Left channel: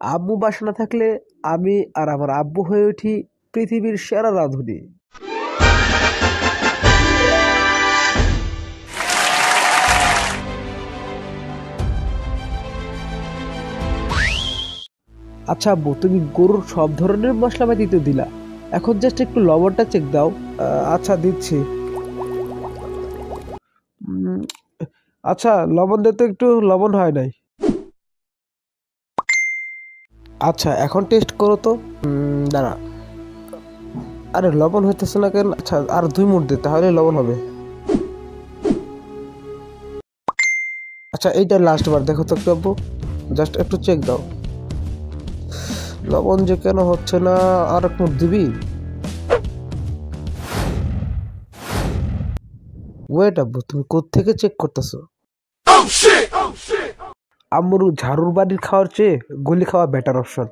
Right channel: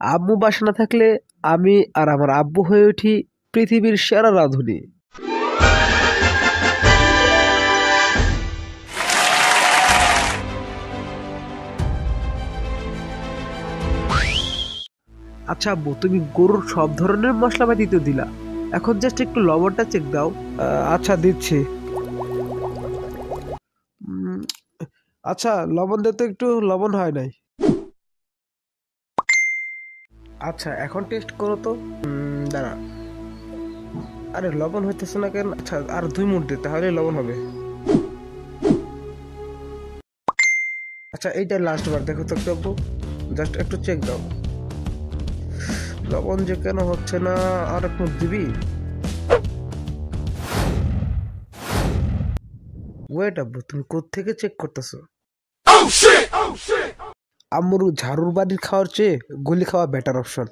আম্মু বাসা না থাকলে আমি আর আমার আব্বু হয়ে উঠি পৃথিবীর সেরা রাঁধুনি। আচ্ছা আব্বু, তুমি গরুর সব ধরনের মশলাপাতি তো দিলা, এখন জাস্ট একটু লবণটা চেক দাও। আচ্ছা দিচ্ছি। উম, আচ্ছা লবণ দিতে একটু লবণ হয় নাই। আচ্ছা এখন টেস্ট করো তো। দাঁড়া, আরে লবণ হইতেছে না কেন? আচ্ছা আর 2 মিনিট দে, তাহলে লবণ হবে। আচ্ছা এইটা লাস্ট বার দেখো তো একটু আব্বু, জাস্ট একটু চেক দাও। লবণ যে কেন হচ্ছে না, আর একটু দিবি? ওয়েট আব্বু, তুমি কোত্থেকে চেক করতেছো? আম্মুর ঝাড়ুর বাড়ির খাওয়ার চেয়ে গুলি খাওয়া বেটার অপশন।